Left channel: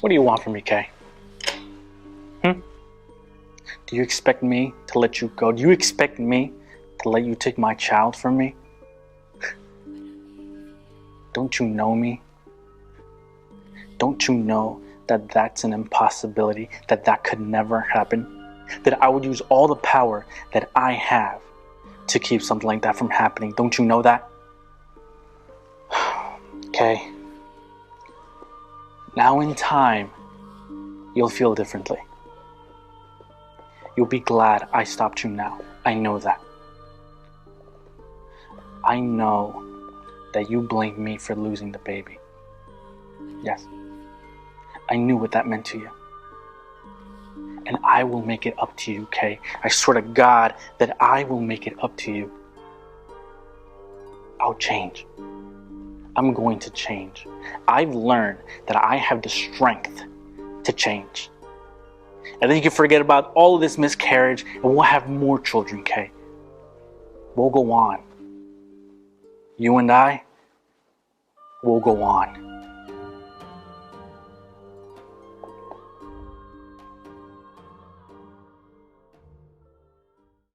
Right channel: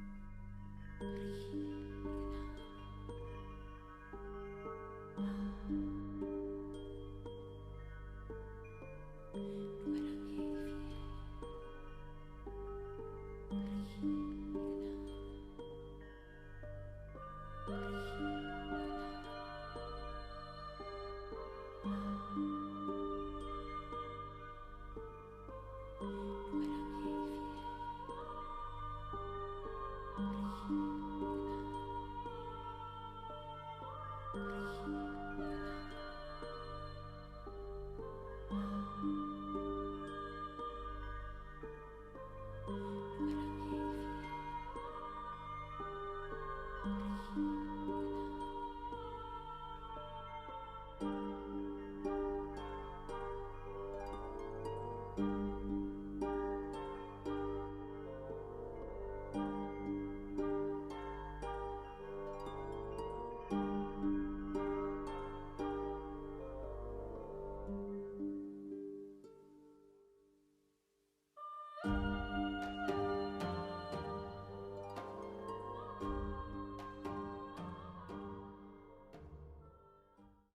What do you want from me, Kay? Do you expect me to let you go? Do you expect me to let you take my child from me? Don't you know me? Don't you know that that's an impossibility, that that could never happen? That I would use all the power that I have to keep something like that from happening. Don't you know that? Okay. Now in time, you'll feel differently. You'll be glad I stopped you now. I know that. I know that you blamed me for losing the baby. Yes. I knew what that meant to you. And I will make it up to you, Kay. I swear to God that I will make it up to you. I'll change. I'm going to change. I've learned that I have the strength to change. And then you can forget about all of this miscarriage and we'll have more children, Kay. We'll go on. You and I will go on.